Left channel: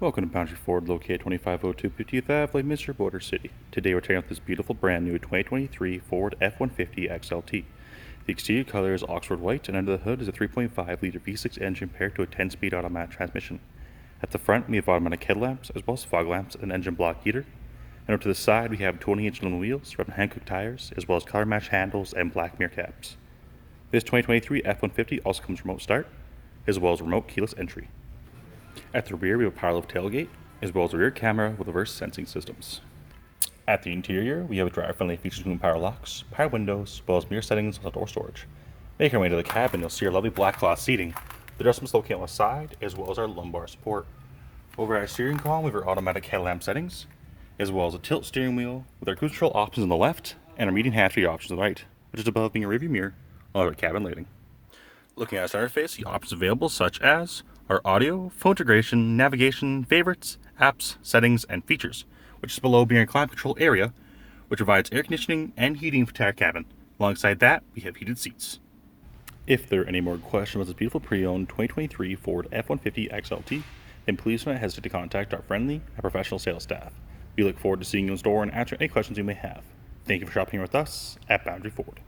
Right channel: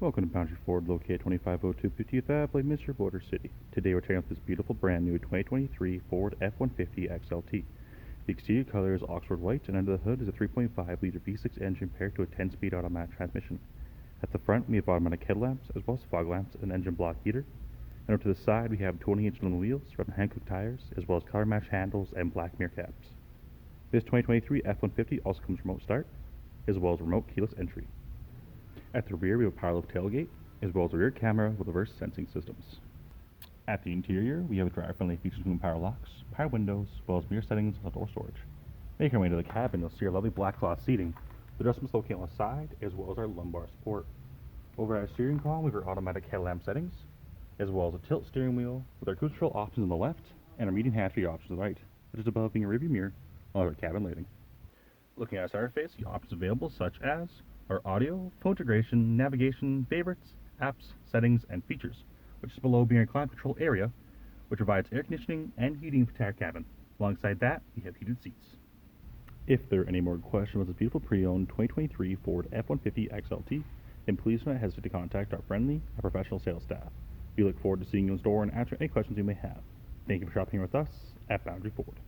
Welcome to Boundary Ford, located 2502 50th Ave, Mr. Border City. Today we're checking out this beautiful brand new 2023 Ford F-150 XLT. The exterior color is Oxford white, and under the hood is a 3.5-liter V6 engine paired to a 10-speed automatic transmission. At the front we have automatic headlamps, as well as fog lamps and engine block heater. And over to the side we have 20-inch aluminum wheels, red and Hankook tires, as well as color match handles and black mirror caps. This 2023 F-150 also comes with remote start, as well as remote keyless entry. At the rear, we have a power-lift tailgate, as well as a rear camera with reverse sensing systems. At the interior, we have a driver-friendly features including power locks, power windows, as well as mirror settings and outdoor storage. Making our way to the cabin, you'll see our lovely black cloth seating, the adjustments located on the side, as well as our lumbar support. Over our steering column, we have our automatic headlamp settings, as well as a tilt steering wheel with our cruise control options on the left and our median hatchway options on the right, which is above being a rearview mirror on our cabin lighting. Looking at our center face, the options available such as our audio, phone integration, navigation, favorites, apps, settings, and features, which is below being a climate control area, which provides air conditioning and heating for the entire cabin. Alongside that, we have heated seats. If there are any more questions about this beautiful pre-owned 2023 Ford F-150 XLT, then please do not hesitate to contact our friendly and professional sales staff. We look forward to seeing you in store and answering any questions you may have. Thank you for shopping with us at Boundary Ford.